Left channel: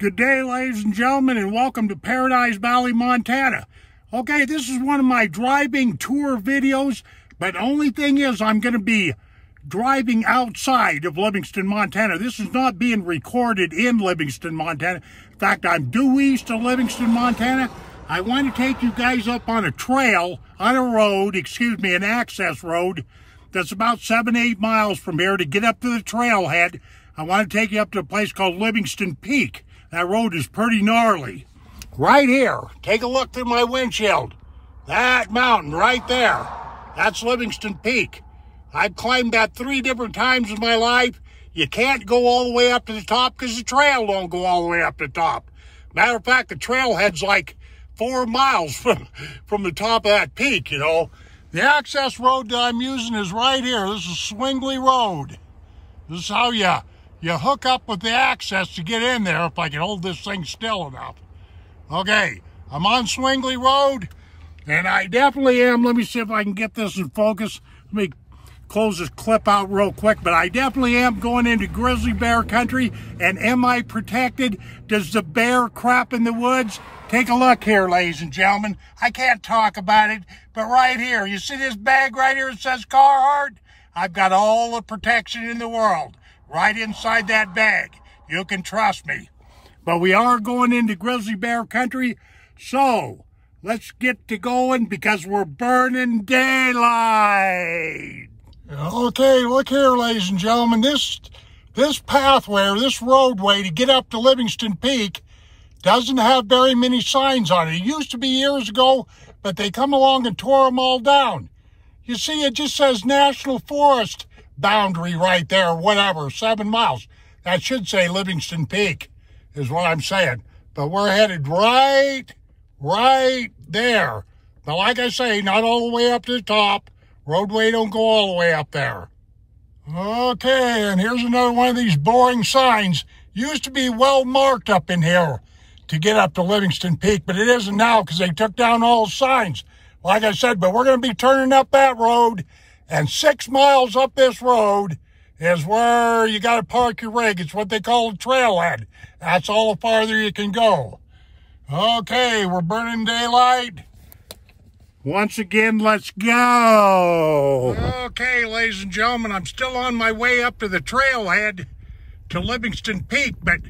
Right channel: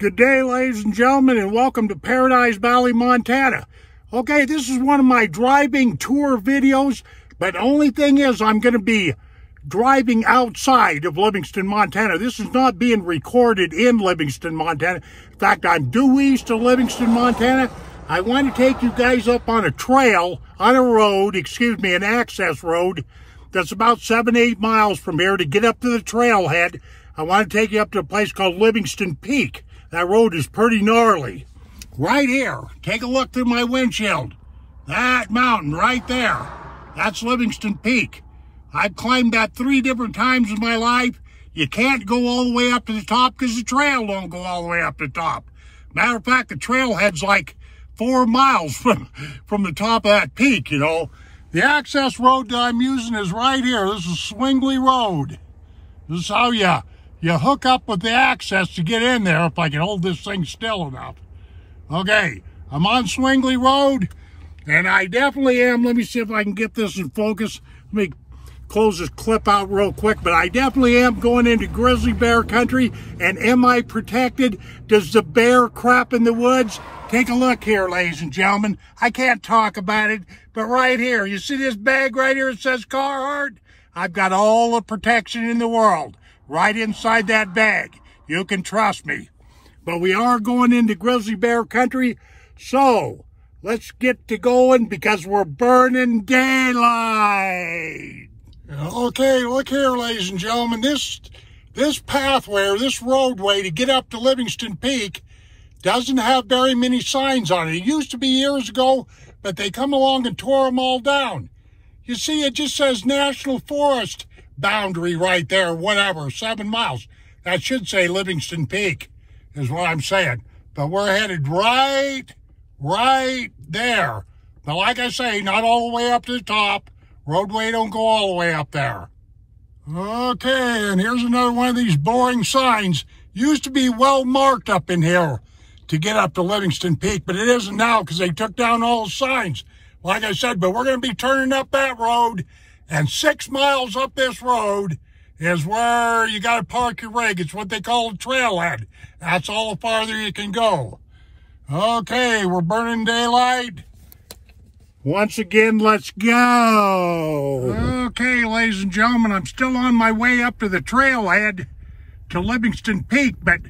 Good day, ladies and gentlemen, and welcome to Paradise Valley, Montana. Okay, this is one of my driving tour videos, but the only thing is I'm going to be driving outside of Livingston, Montana. This is not being recorded in Livingston, Montana. In fact, I'm due east of Livingston, Montana. I want to take you guys up on a trail, on a road, an access road that's about 7-8 miles from here to get up to the trailhead. I want to take you up to a place called Livingston Peak. That road is pretty gnarly. Right here, take a look through my windshield. That mountain right there, that's Livingston Peak. I've climbed that 3 different times in my life. You can't go all the way up to the top because the trail don't go all the way up to the top. Matter of fact, the trailhead's like 4 miles from the top of that peak, you know. The access road that I'm using is right here. This is Swingley Road. This is how you hook up with the access to get in there, if I can hold this thing still enough. Okay, I'm on Swingley Road, and I definitely am. Let me see if I can get this in focus. Let me close this clip out real quick, but I definitely am going into grizzly bear country. And am I protected? Does the bear crap in the woods? Take a look here, ladies and gentlemen. I can't talk about it, but right here, you see this bag right here that says Carhartt? I've got all the protection in the world right inside that bag. You can trust me. But we are going into grizzly bear country, so let's get to going because we're burning daylight. Okay, look here, ladies and gentlemen. This pathway, or this roadway to get up to Livingston Peak doesn't have very many signs on it. It used to be years ago, but they come along and tore them all down. You see, it just says National Forest boundary right there, whatever, 7 miles. That should say Livingston Peak, is what I'm saying. But we're headed right there. But like I say, not all the way up to the top. Roadway don't go all the way up there. Okay, and here's another one of these boring signs. Used to be well marked up in here to get up to Livingston Peak, but it isn't now because they took down all the signs. Like I said, but we're going to be turning up that road, and 6 miles up this road is where you got to park your rig. It's what they call a trailhead. That's all the farther you can go. Okay, we're burning daylight. Once again, let's go. Okay, ladies and gentlemen, I'm still on my way up to the trailhead to Livingston Peak, but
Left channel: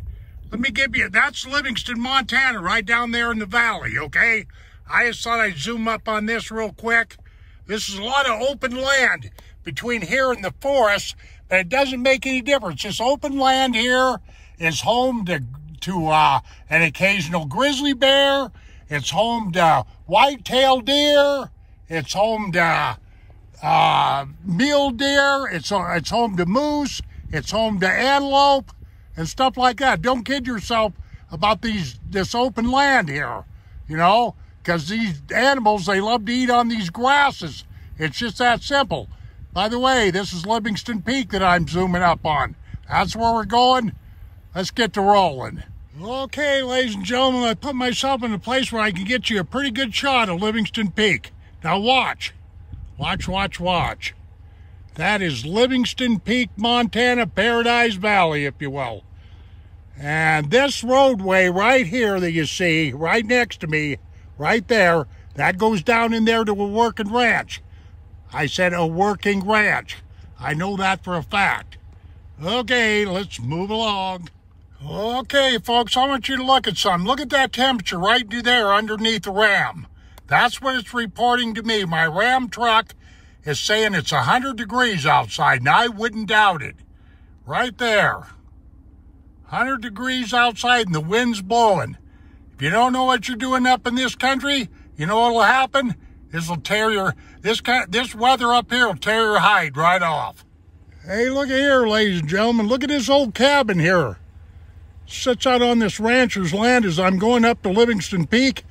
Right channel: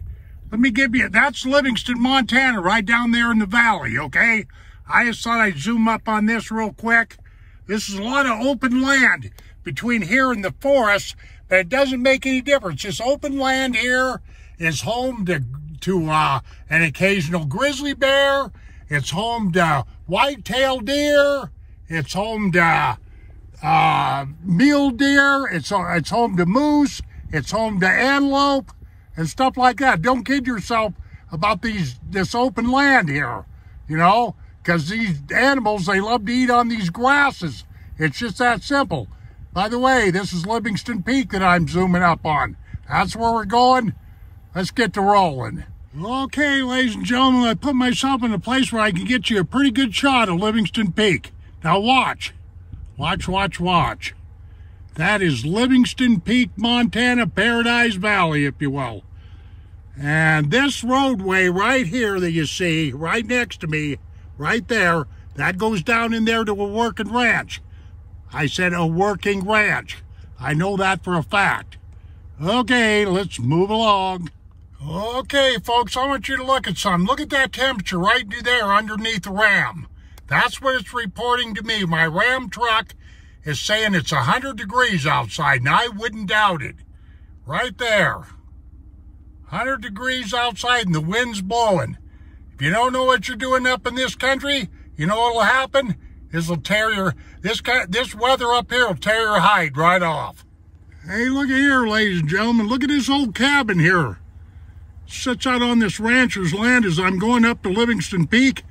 let me give you, that's Livingston, Montana, right down there in the valley, okay? I just thought I'd zoom up on this real quick. This is a lot of open land between here and the forest, but it doesn't make any difference. This open land here is home to an occasional grizzly bear. It's home to white-tailed deer. It's home to mule deer. It's home to moose. It's home to antelope and stuff like that. Don't kid yourself about this open land here, you know, because these animals, they love to eat on these grasses. It's just that simple. By the way, this is Livingston Peak that I'm zooming up on. That's where we're going. Let's get to rolling. Okay, ladies and gentlemen, I put myself in a place where I can get you a pretty good shot of Livingston Peak. Now watch. Watch. That is Livingston Peak, Montana, Paradise Valley, if you will. And this roadway right here that you see, right next to me, right there, that goes down in there to a working ranch. I said a working ranch. I know that for a fact. Okay, let's move along. Okay, folks, I want you to look at something. Look at that temperature right there underneath the Ram. That's what it's reporting to me. My Ram truck is saying it's 100 degrees outside, and I wouldn't doubt it. Right there. 100 degrees outside, and the wind's blowing. If you don't know what you're doing up in this country, you know what'll happen? This weather up here will tear your hide right off. Hey, look at here, ladies and gentlemen. Look at this old cabin here. Sits out on this rancher's land as I'm going up to Livingston Peak.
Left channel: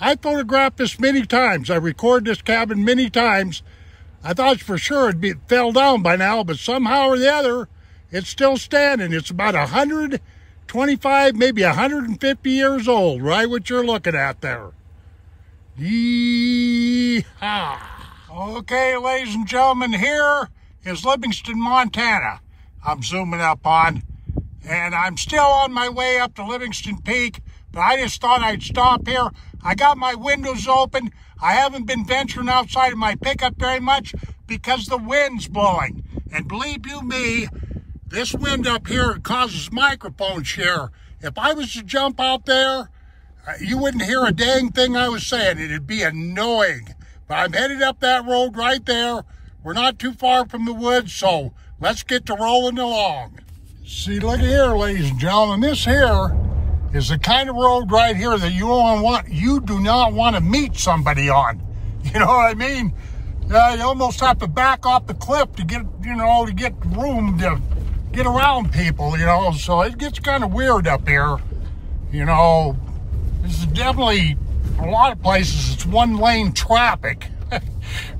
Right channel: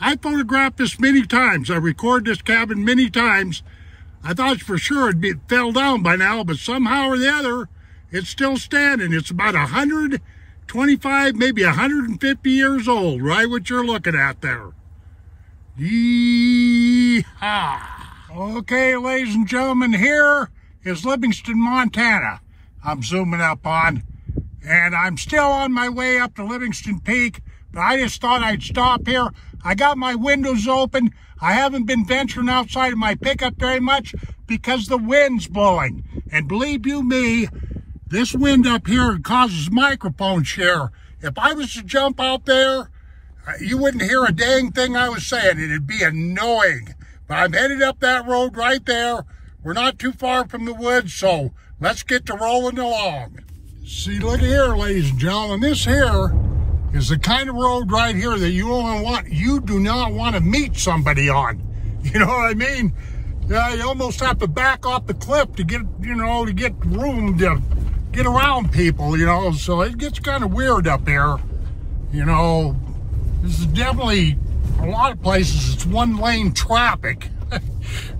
I photographed this many times. I recorded this cabin many times. I thought for sure it fell down by now, but somehow or the other, it's still standing. It's about 125, maybe 150 years old, right what you're looking at there. Yee-haw. Okay, ladies and gentlemen, here is Livingston, Montana. I'm zooming up on. and I'm still on my way up to Livingston Peak, but I just thought I'd stop here. I got my windows open. I haven't been venturing outside of my pickup very much because the wind's blowing. And believe you me, this wind up here causes microphone share. If I was to jump out there, you wouldn't hear a dang thing I was saying. It'd be annoying. But I'm headed up that road right there. We're not too far from the woods, so let's get to rolling along. See, look here, ladies and gentlemen. This here is the kind of road right here that you do not want to meet somebody on. You know what I mean? You almost have to back off the cliff to get, to get room to get around people, so it gets kind of weird up here. This is definitely, a lot of places, it's one-lane traffic.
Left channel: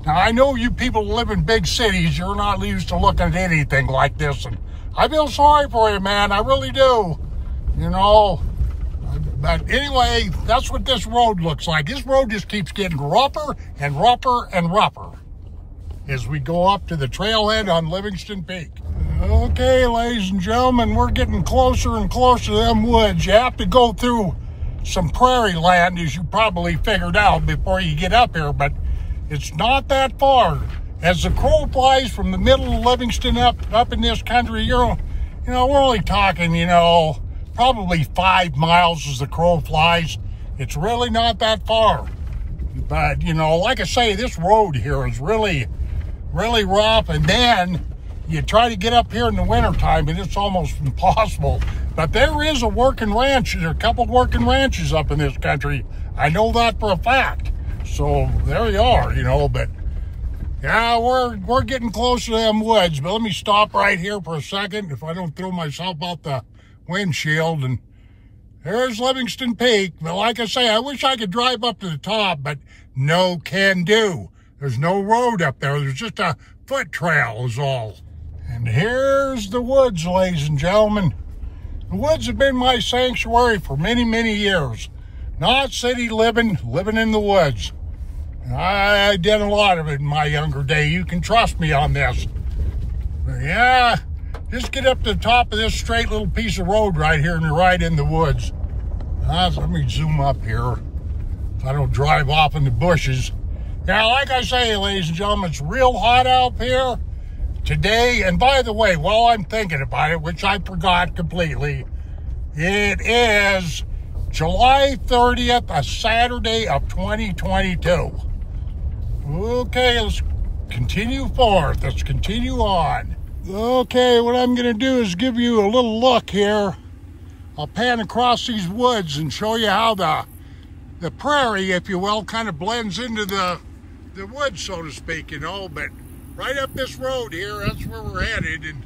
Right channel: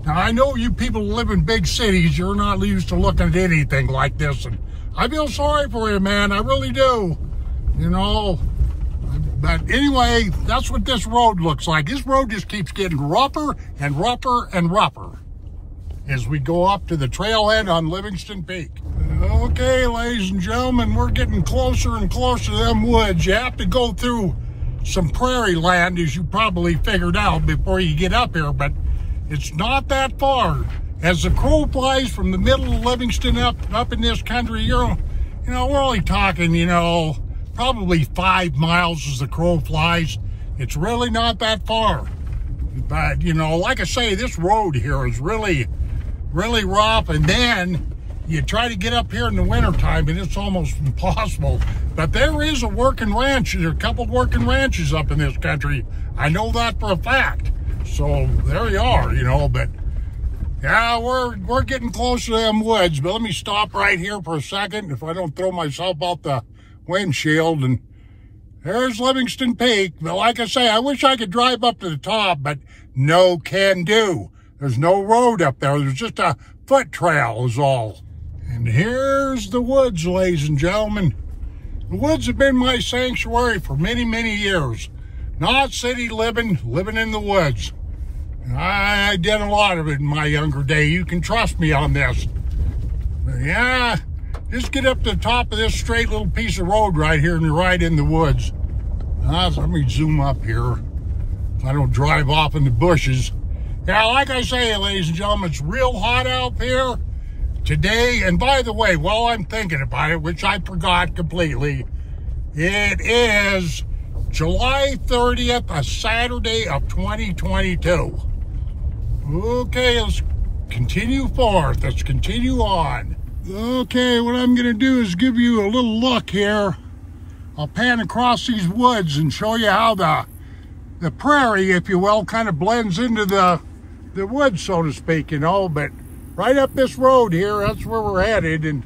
Now, I know you people who live in big cities, you're not used to looking at anything like this, and I feel sorry for you, man, I really do, But anyway, that's what this road looks like. This road just keeps getting rougher and rougher and rougher as we go up to the trailhead on Livingston Peak. Okay, ladies and gentlemen, we're getting closer and closer to them woods. You have to go through some prairie land, as you probably figured out before you get up here, but it's not that far. As the crow flies from the middle of Livingston up in this country, we're only talking, probably 5 miles as the crow flies. It's really not that far. But, like I say, this road here is really, really rough. And then you try to get up here in the wintertime, and it's almost impossible. But there is a working ranch. There are a couple working ranches up in this country. I know that for a fact. So there you are, but yeah, we're getting close to them woods. But let me stop right here for a second if I don't throw myself out the windshield. And there's Livingston Peak. But like I say, I wish I could drive up to the top, but no can do. There's no road up there. There's just a foot trail is all. And here's the woods, ladies and gentlemen. The woods have been my sanctuary for many, many years. Not city living in the woods. I did a lot of it in my younger day. You can trust me on this. Yeah, just get up to the top of this straight little piece of road right here and you're right in the woods. Let me zoom up here so I don't drive off in the bushes. Yeah, like I say, ladies and gentlemen, it's real hot out here today. And by the way, while I'm thinking about it, which I forgot completely, it is July 30th, a Saturday of 2022. Okay, let's continue forth. Let's continue on. Okay, what I'm going to do is give you a little look here. I'll pan across these woods and show you how the prairie, if you will, kind of blends into the woods, so to speak, But right up this road here, that's where we're headed. And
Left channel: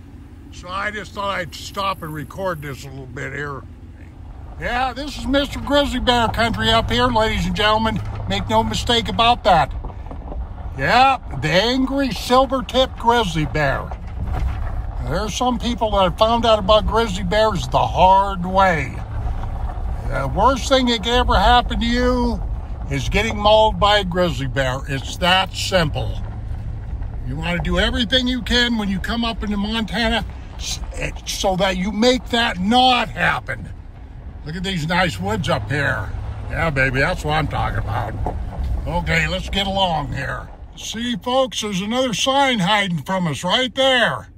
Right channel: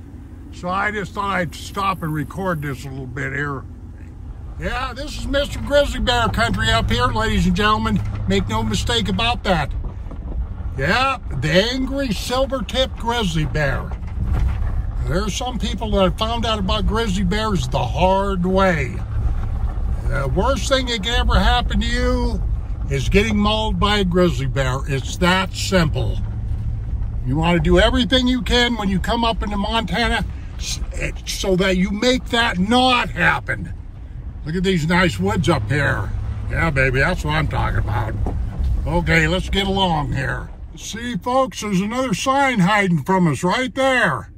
so I just thought I'd stop and record this a little bit here. Yeah, this is Mr. Grizzly Bear country up here, ladies and gentlemen. Make no mistake about that. Yeah, the angry silver-tipped grizzly bear. There's some people that have found out about grizzly bears the hard way. The worst thing that could ever happen to you is getting mauled by a grizzly bear. It's that simple. You want to do everything you can when you come up into Montana so that you make that not happen. Look at these nice woods up here. Yeah, baby, that's what I'm talking about. Okay, let's get along here. See, folks, there's another sign hiding from us right there.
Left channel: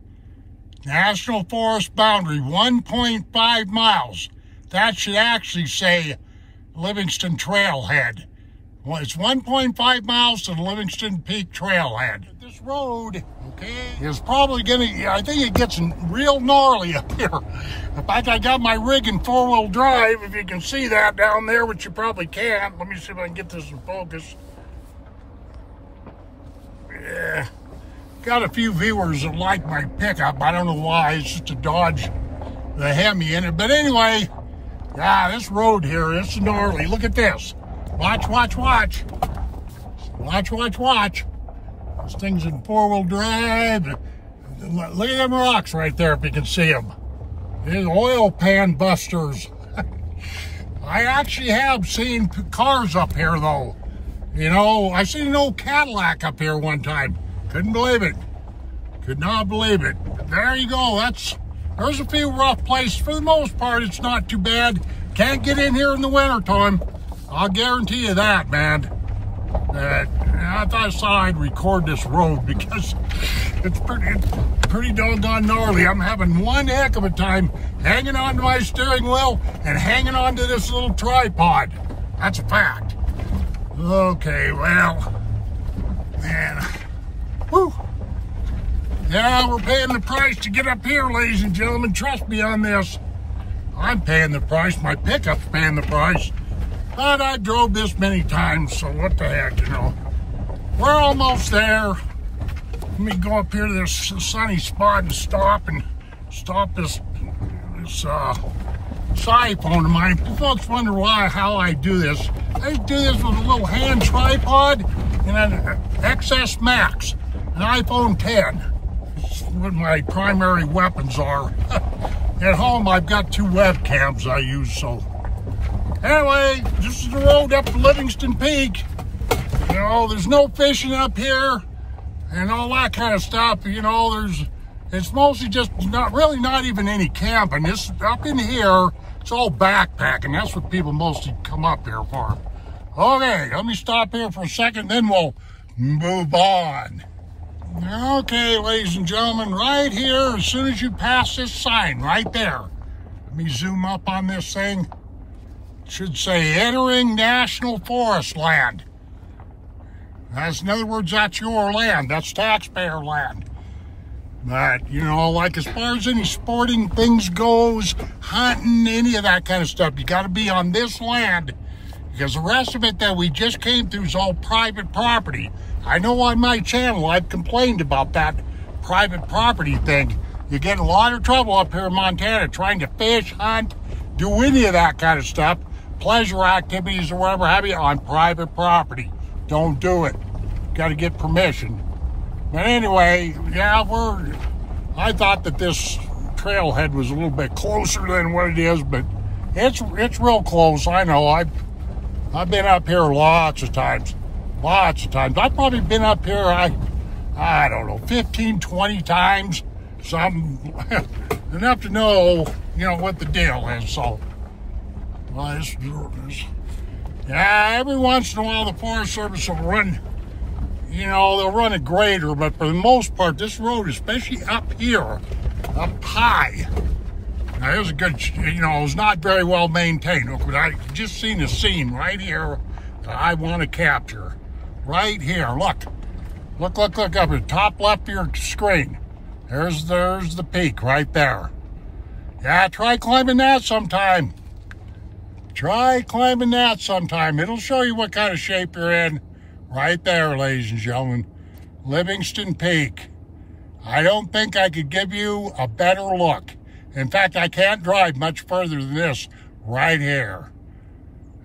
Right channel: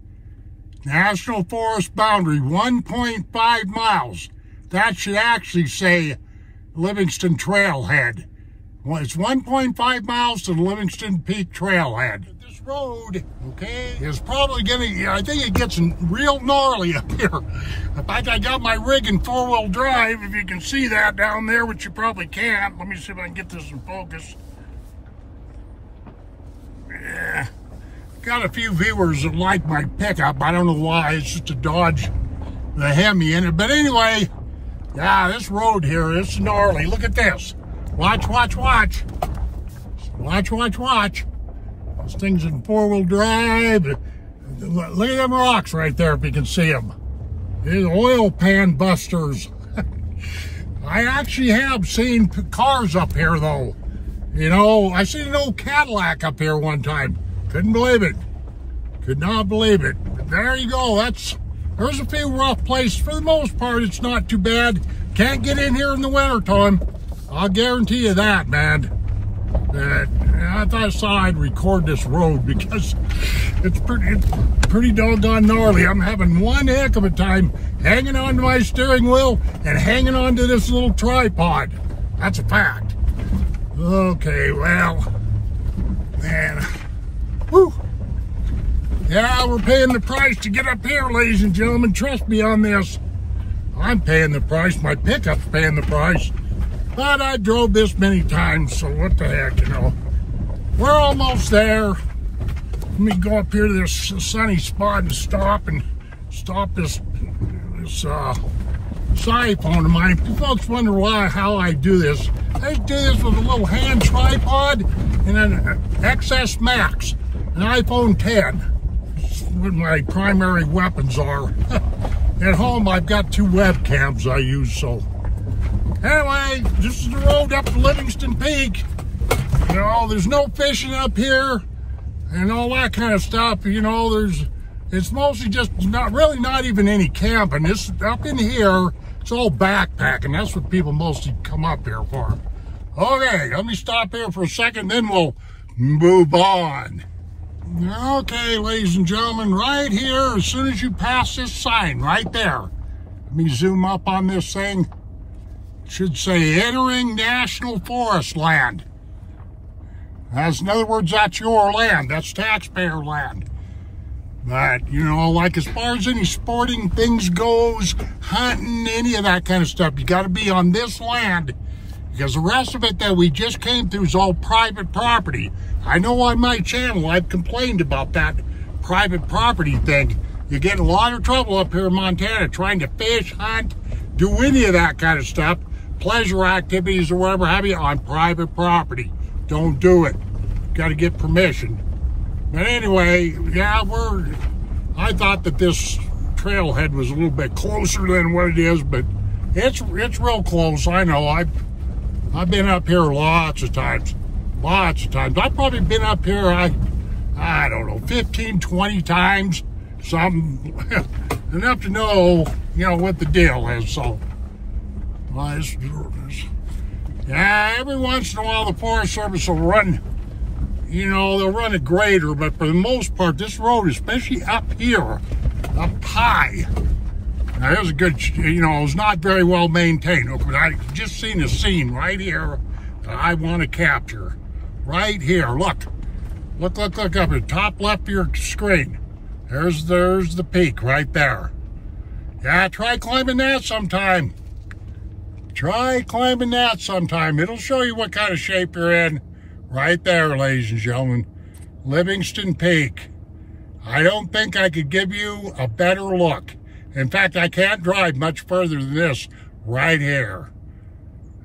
National Forest boundary, 1.5 miles. That should actually say Livingston Trailhead. Well, it's 1.5 miles to the Livingston Peak Trailhead. This road, okay, is probably I think it gets real gnarly up here. In fact, I got my rig in four-wheel drive, if you can see that down there, which you probably can't. Let me see if I can get this in focus. Yeah, got a few viewers that like my pickup. I don't know why, it's just a Dodge, the Hemi in it. But anyway, yeah, this road here is gnarly. Look at this. Watch, watch, watch. Watch, watch, watch. This thing's in four-wheel drive. Look at them rocks right there, if you can see them. These oil pan busters. I actually have seen cars up here, though. I seen an old Cadillac up here one time. Couldn't believe it. Could not believe it. But there you go. That's There's a few rough places. For the most part, it's not too bad. Can't get in here in the wintertime. I'll guarantee you that, man. But I thought I saw I'd record this road because it's pretty doggone gnarly. I'm having one heck of a time hanging on to my steering wheel and hanging on to this little tripod. That's a fact. Okay, well, man. Whew. Yeah, we're paying the price to get up here, ladies and gentlemen. Trust me on this. I'm paying the price. My pickup's paying the price. But I drove this many times, so what the heck, you know. We're almost there. Let me go up here to this sunny spot and stop this iPhone of mine. Folks wonder how I do this. I do this with a little hand tripod and an XS Max, an iPhone 10. It's what my primary weapons are. At home, I've got 2 webcams I use, so. Anyway, this is the road up to Livingston Peak. You know, there's no fishing up here and all that kind of stuff. You know, it's mostly just not even any camping. This up in here, it's all backpacking. That's what people mostly come up here for. Okay, let me stop here for a second, then we'll move on. Okay, ladies and gentlemen, right here, as soon as you pass this sign right there, let me zoom up on this thing. It should say entering National Forest land. In other words, that's your land. That's taxpayer land. But, you know, like as far as any sporting things goes, hunting, any of that kind of stuff, you got to be on this land because the rest of it that we just came through is all private property. I know on my channel I've complained about that private property thing. You get a lot of trouble up here in Montana trying to fish, hunt, do any of that kind of stuff, pleasure activities or whatever have you on private property. Don't do it. Got to get permission. But anyway, yeah, I thought that this trailhead was a little bit closer than what it is, but it's real close. I know. I've been up here lots of times. Lots of times. I've probably been up here, I don't know, 15, 20 times. Something enough to know, you know, what the deal is. So, yeah, every once in a while the Forest Service will run, you know, they'll run a grader, but for the most part, this road, especially up here, up high, now here's a good, you know, it's not very well maintained, but I just seen a scene right here that I want to capture. Right here, look up at the top left of your screen. There's the peak right there. Yeah, try climbing that sometime. Try climbing that sometime. It'll show you what kind of shape you're in. Right there, ladies and gentlemen. Livingston Peak. I don't think I could give you a better look. In fact, I can't drive much further than this right here.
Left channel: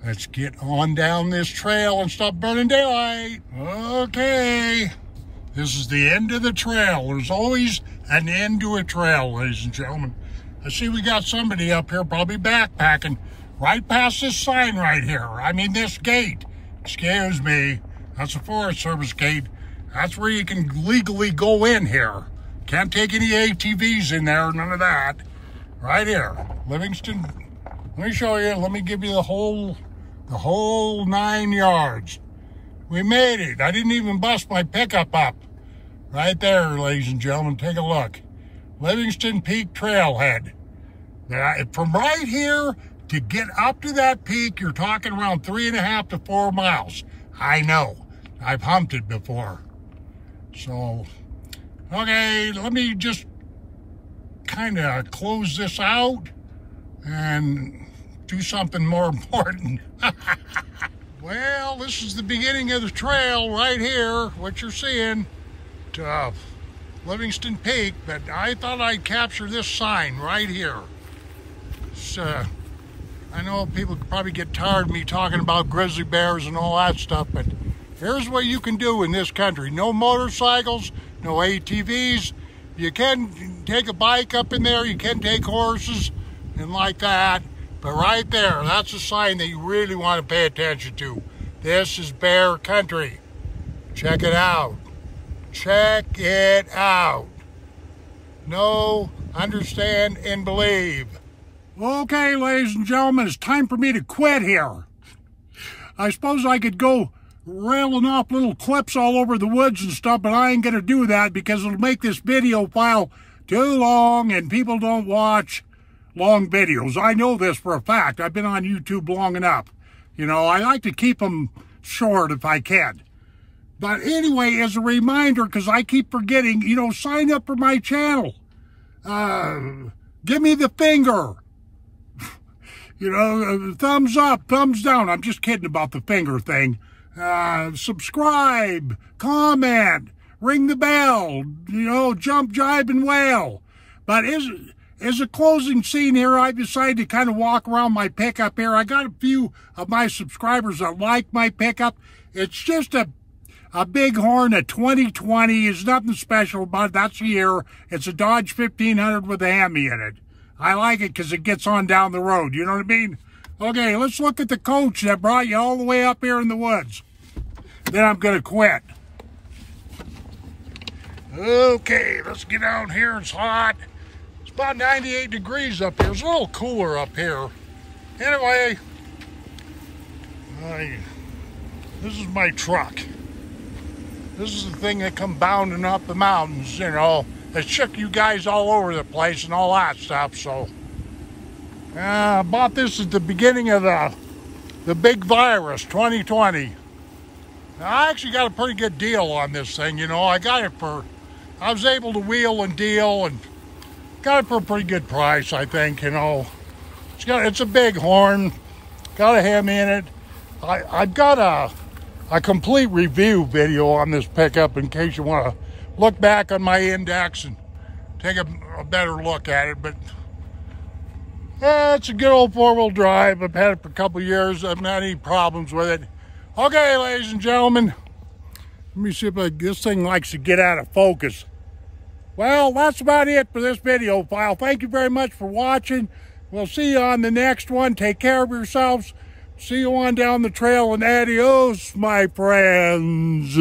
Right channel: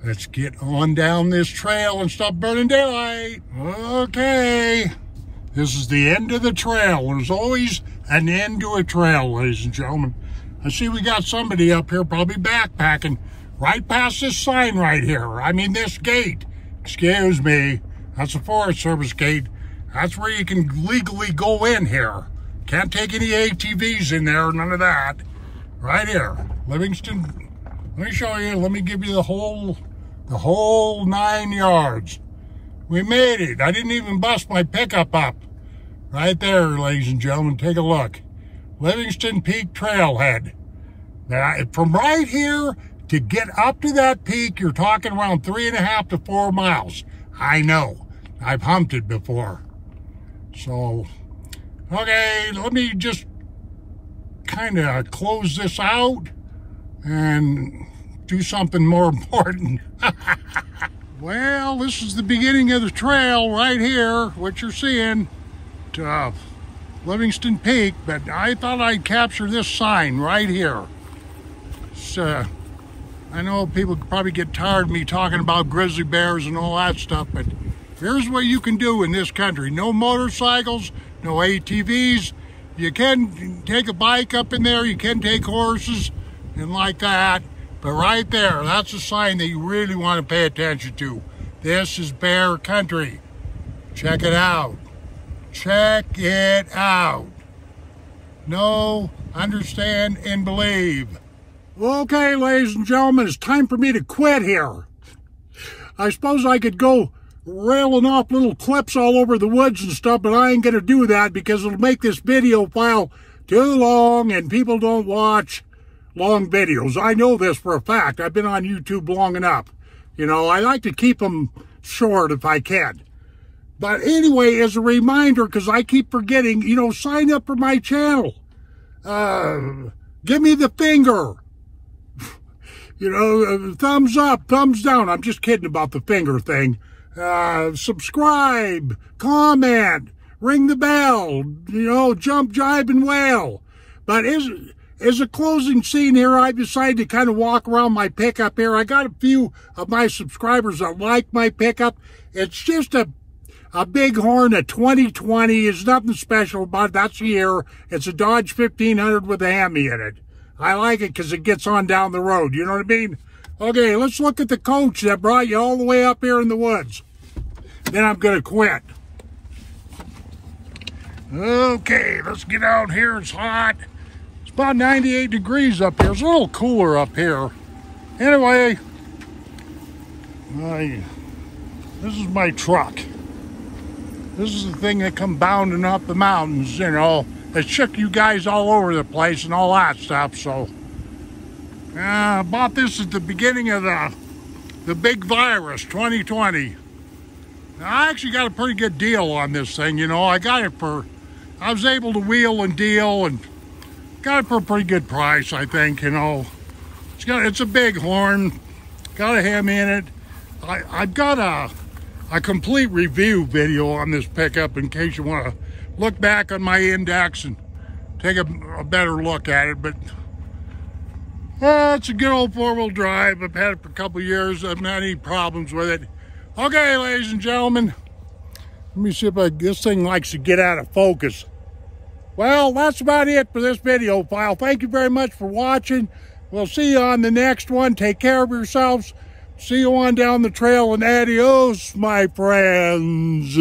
Let's get on down this trail and stop burning daylight. Okay. This is the end of the trail. There's always an end to a trail, ladies and gentlemen. I see we got somebody up here probably backpacking right past this sign right here. I mean, this gate. Excuse me. That's a Forest Service gate. That's where you can legally go in here. Can't take any ATVs in there, none of that. Right here. Livingston. Let me show you. Let me give you the whole 9 yards. We made it. I didn't even bust my pickup up. Right there, ladies and gentlemen. Take a look. Livingston Peak Trailhead. Now, from right here to get up to that peak, you're talking around 3.5 to 4 miles. I know. I've humped it before. So, okay, let me just kind of close this out and do something more important. Well, this is the beginning of the trail right here, what you're seeing, to Livingston Peak, but I thought I'd capture this sign right here. I know people probably get tired of me talking about grizzly bears and all that stuff, but here's what you can do in this country. No motorcycles, no ATVs. You can take a bike up in there, you can take horses and like that. But right there, that's a sign that you really want to pay attention to. This is bear country. Check it out. Check it out. know, understand, and believe. Okay, ladies and gentlemen, it's time for me to quit here. I suppose I could go railing off little clips all over the woods and stuff, but I ain't going to do that because it'll make this video file too long, and people don't watch long videos. I know this for a fact. I've been on YouTube long enough. You know, I like to keep them short if I can. But anyway, as a reminder, because I keep forgetting, you know, sign up for my channel. Give me the finger. You know, thumbs up, thumbs down. I'm just kidding about the finger thing. Subscribe, comment, ring the bell, you know, jump, jive, and wail. But as a closing scene here, I decided to kind of walk around my pickup here. I got a few of my subscribers that like my pickup. It's just a Bighorn, a 2020. There's nothing special about it. That's the year. It's a Dodge 1500 with a Hemi in it. I like it because it gets on down the road. You know what I mean? Okay, let's look at the coach that brought you all the way up here in the woods. Then I'm going to quit. Okay, let's get out here. It's hot. It's about 98 degrees up here. It's a little cooler up here. Anyway, this is my truck. This is the thing that come bounding up the mountains, you know. It shook you guys all over the place and all that stuff, so. I bought this at the beginning of the big virus, 2020. Now, I actually got a pretty good deal on this thing, you know. I was able to wheel and deal and got it for a pretty good price, I think, you know. It's a Bighorn, got a Hemi in it. I've got a complete review video on this pickup in case you want to look back on my index and take a better look at it. But it's a good old four-wheel drive. I've had it for a couple of years. I've not had any problems with it. Okay, ladies and gentlemen, let me see if this thing likes to get out of focus. Well, that's about it for this video file. Thank you very much for watching. We'll see you on the next one. Take care of yourselves. See you on down the trail, and adios, my friends.